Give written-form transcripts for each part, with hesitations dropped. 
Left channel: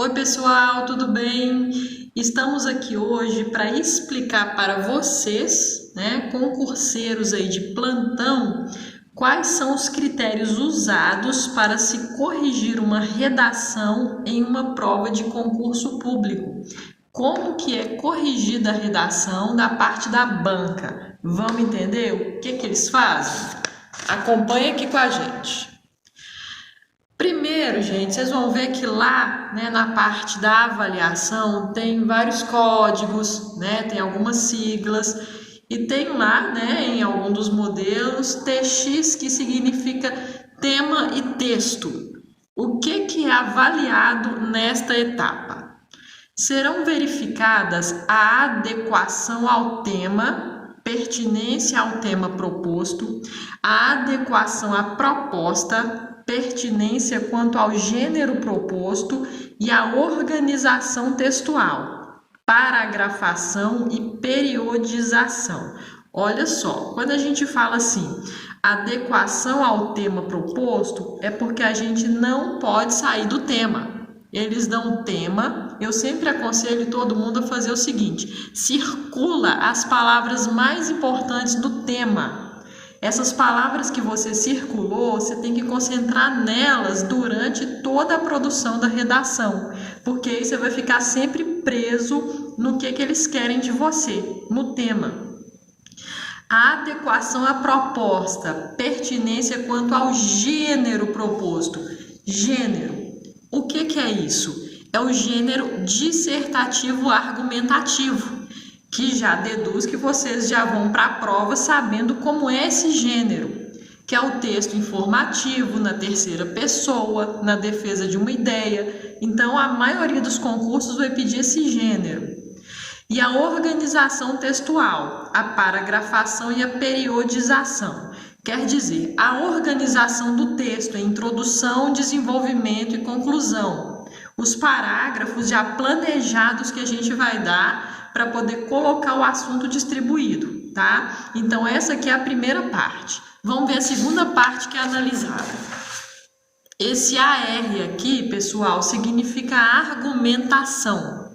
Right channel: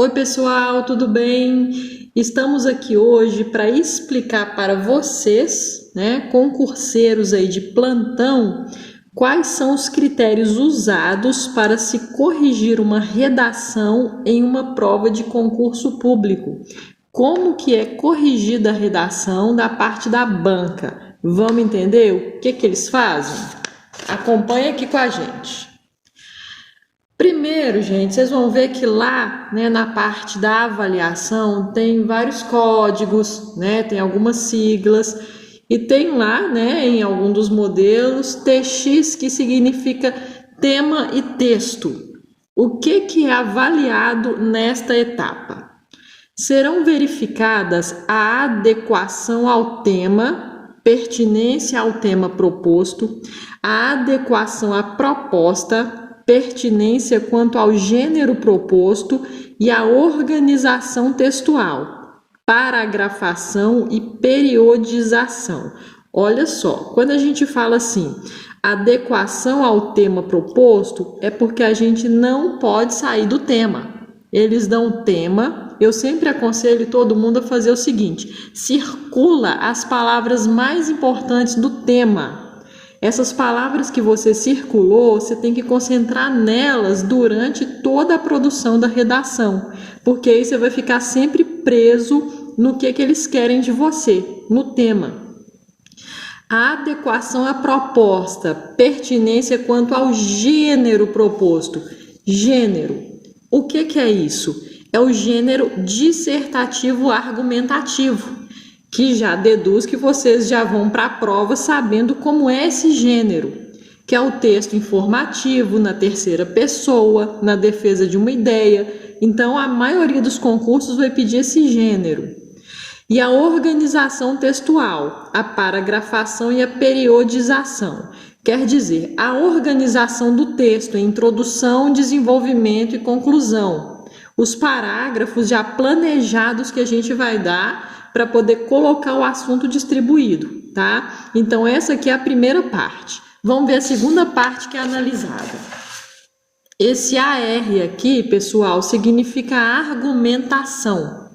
Oi, pessoal, tudo bem? Estamos aqui hoje para explicar para vocês, concurseiros aí de plantão, quais são os critérios usados para se corrigir uma redação em uma prova de concurso público. Como que é corrigida a redação da parte da banca? Vamos entender o que eles fazem? Acompanhe aqui com a gente. Primeiro, gente, vocês vão ver que lá, na parte da avaliação tem vários códigos, tem algumas siglas e tem lá, em algum dos modelos, TX, que significa tema e texto. O que é avaliado nesta etapa? Serão verificadas a adequação ao tema, pertinência ao tema proposto, a adequação à proposta, pertinência quanto ao gênero proposto e a organização textual, paragrafação e periodização. Olha só, quando a gente fala assim, adequação ao tema proposto, é porque a gente não pode sair do tema. Eles dão tema, eu sempre aconselho todo mundo a fazer o seguinte, circula as palavras mais importantes do tema. Essas palavras que você circulou, você tem que concentrar nelas durante toda a produção da redação, porque aí você vai ficar sempre preso no que eles querem de você, no tema. A adequação à proposta, pertinência quanto ao gênero proposto. Gênero, o que é isso? É o gênero dissertativo argumentativo, que já deduz que vocês já vão para a prova sabendo como é esse gênero, que é o texto informativo, na terceira pessoa, na defesa de uma ideia. Então, a maioria dos concursos vai pedir esse gênero. E a organização textual, a paragrafação e a periodização. Quer dizer, a organização do texto em introdução, desenvolvimento e conclusão. Os parágrafos já planejados que a gente vai dar para poder colocar o assunto distribuído, tá? Então, essa aqui é a primeira parte. Vamos ver a segunda parte que é analisada. Esse AR aqui, pessoal, significa argumentação.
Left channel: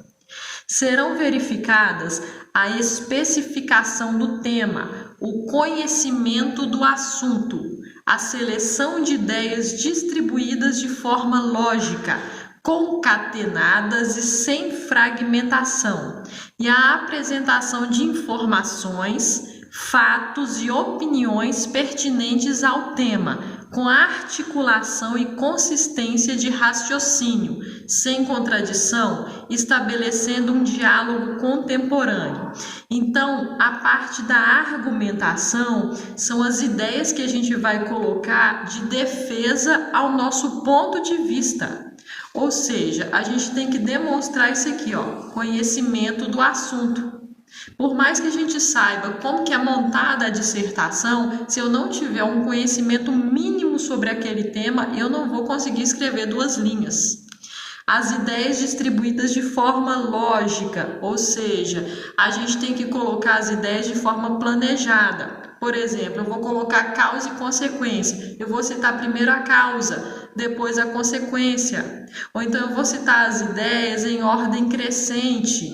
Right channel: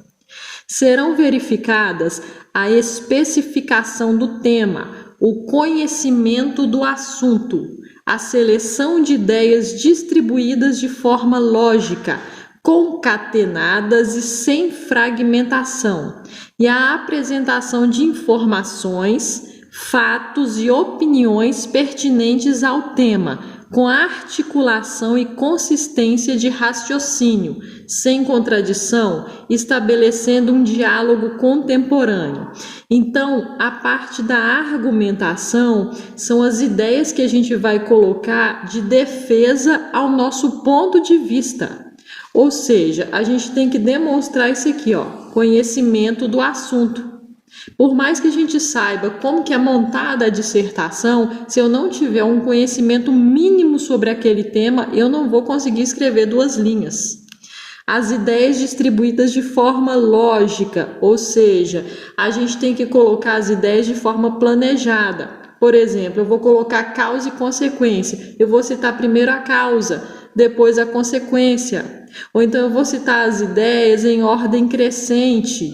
Serão verificadas a especificação do tema, o conhecimento do assunto, a seleção de ideias distribuídas de forma lógica, concatenadas e sem fragmentação, e a apresentação de informações, fatos e opiniões pertinentes ao tema, com articulação e consistência de raciocínio, sem contradição, estabelecendo um diálogo contemporâneo. Então, a parte da argumentação são as ideias que a gente vai colocar de defesa ao nosso ponto de vista. Ou seja, a gente tem que demonstrar isso aqui, conhecimento do assunto. Por mais que a gente saiba como que é montada a dissertação, se eu não tiver um conhecimento mínimo sobre aquele tema, eu não vou conseguir escrever 2 linhas. As ideias distribuídas de forma lógica, ou seja, a gente tem que colocar as ideias de forma planejada. Por exemplo, eu vou colocar causa e consequência. Eu vou citar primeiro a causa, depois a consequência. Ou então eu vou citar as ideias em ordem crescente,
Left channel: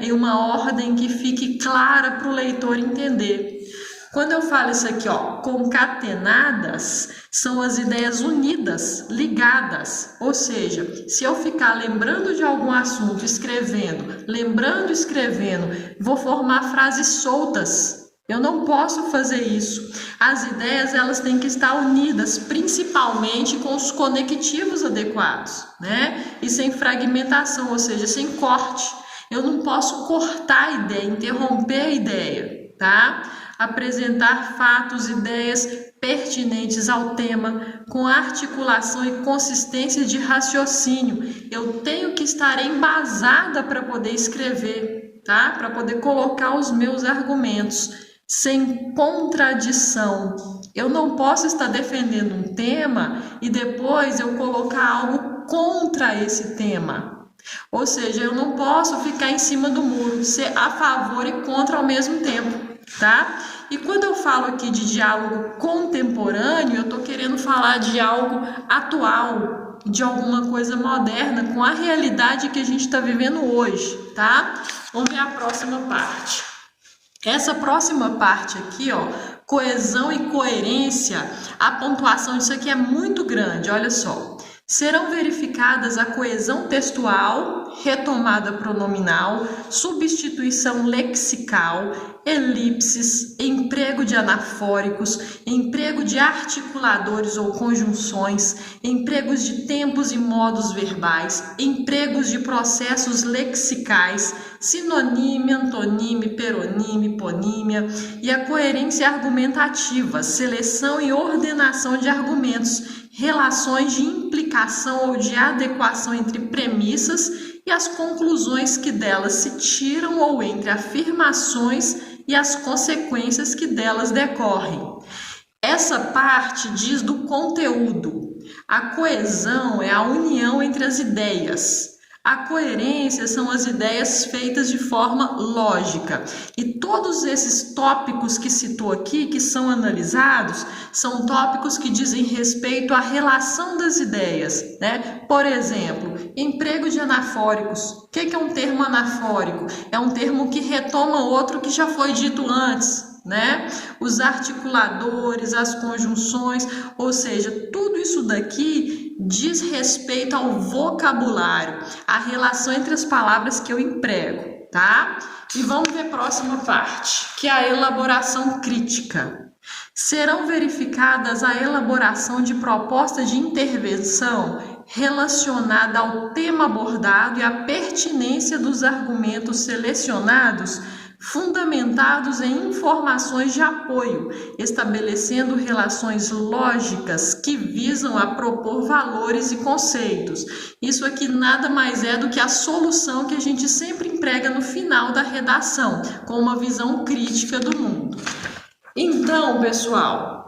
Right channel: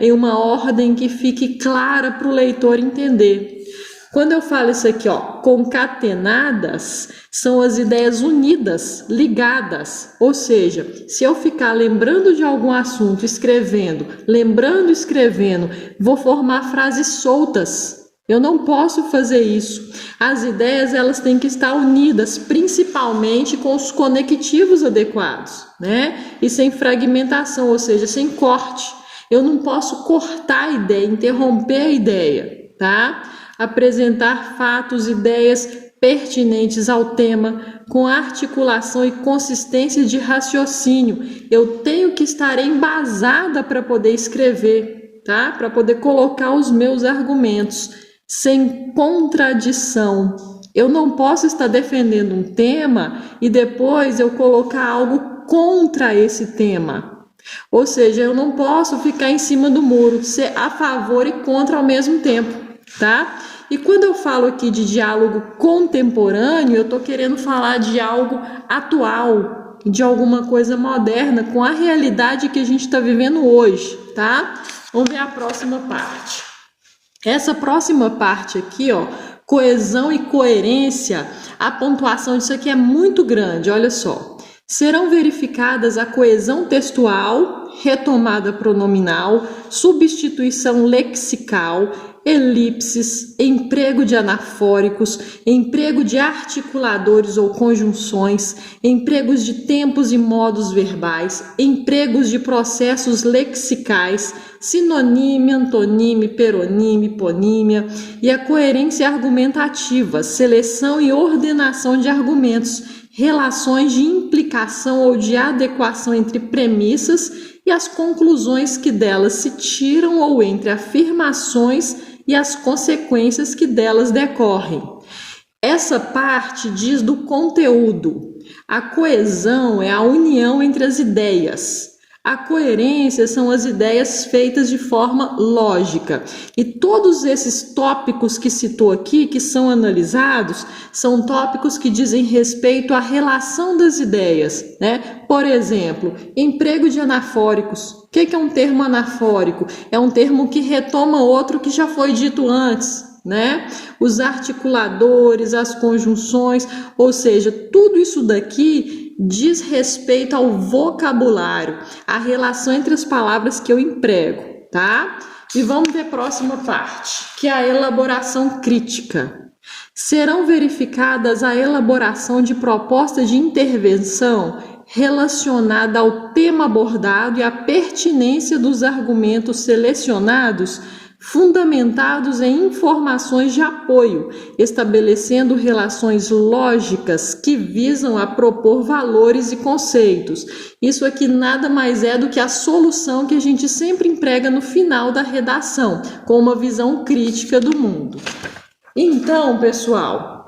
em uma ordem que fique clara para o leitor entender. Quando eu falo isso aqui, concatenadas, são as ideias unidas, ligadas. Ou seja, se eu ficar lembrando de algum assunto, escrevendo, lembrando, escrevendo, vou formar frases soltas. Eu não posso fazer isso. As ideias, elas têm que estar unidas, principalmente com os conectivos adequados, E sem fragmentação, ou seja, sem corte. Eu não posso cortar a ideia, interromper a ideia, tá? Apresentar fatos, ideias pertinentes ao tema, com articulação e consistência de raciocínio. Eu tenho que estar embasada para poder escrever, tá? Para poder colocar os meus argumentos. Sem contradição. Eu não posso estar defendendo um tema e depois eu colocar algo contra esse tema. Ou seja, eu não posso ficar em cima do muro, ser a favor e contra ao mesmo tempo, tá? E quando eu falo aqui de diálogo contemporâneo, eu estou querendo falar de algo atual, de alguma coisa moderna com a realidade que a gente está vivendo hoje, tá? Vamos ver a próxima parte. Essa próxima parte aqui, ó, coesão e coerência, a pontuação disso aqui é muito grande, olha só. Serão verificadas a coesão textual, retomada pronominal, substituição lexical, elipses, emprego de anafóricos, emprego de articuladores ou conjunções, empregos de tempos e modos verbais, empregos de processos lexicais, sinonímia, antonímia, peronímia, hiponímia, e a coerência argumentativa, seleção e ordenação de argumentos, relações de implicação ou de adequação entre premissas e as conclusões que delas se tiram ou entre afirmações e as consequências que delas decorrem. Essa parte diz do conteúdo. A coesão é a união entre as ideias. A coerência são as ideias feitas de forma lógica. E todos esses tópicos que citou aqui, que são analisados, são tópicos que dizem respeito à relação das ideias, né? Por exemplo, emprego de anafóricos. O que é um termo anafórico? É um termo que retoma outro que já foi dito antes, né? Os articuladores, as conjunções, ou seja, tudo isso daqui diz respeito ao vocabulário, a relação entre as palavras que eu emprego, tá? E vamos ver a próxima parte, que é a elaboração crítica. Serão verificadas a elaboração de propostas de intervenção relacionada ao tema abordado e a pertinência dos argumentos selecionados, fundamentados em informações de apoio, estabelecendo relações lógicas que visam a propor valores e conceitos. Isso aqui nada mais é do que a solução que a gente sempre emprega no final da redação, com uma visão crítica do mundo. Então, pessoal,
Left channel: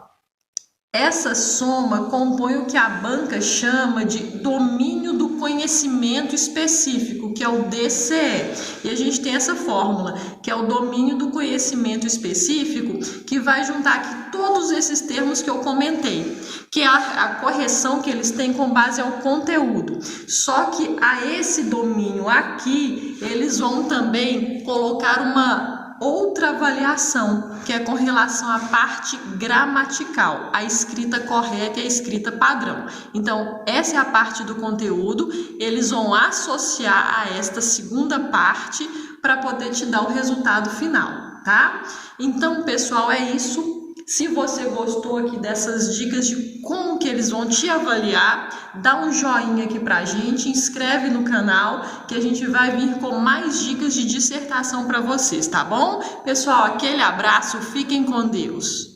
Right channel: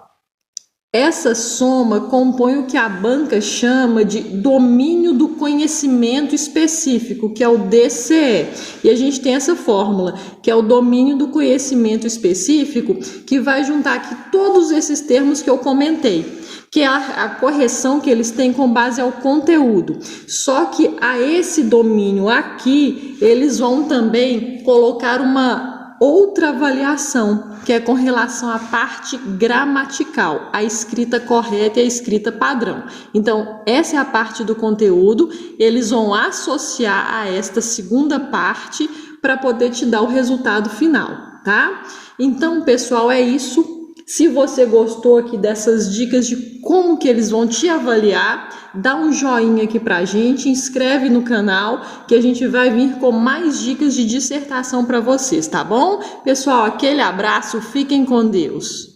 essa soma compõe o que a banca chama de domínio do conhecimento específico, que é o DCE. E a gente tem essa fórmula, que é o domínio do conhecimento específico, que vai juntar aqui todos esses termos que eu comentei, que é a correção que eles têm com base ao conteúdo. Só que a esse domínio aqui, eles vão também colocar uma outra avaliação, que é com relação à parte gramatical, a escrita correta e a escrita padrão. Então, essa é a parte do conteúdo, eles vão associar a esta segunda parte para poder te dar o resultado final, tá? Então, pessoal, é isso. Se você gostou aqui dessas dicas de como que eles vão te avaliar, dá um joinha aqui pra gente, inscreve no canal que a gente vai vir com mais dicas de dissertação para vocês, tá bom? Pessoal, aquele abraço, fiquem com Deus.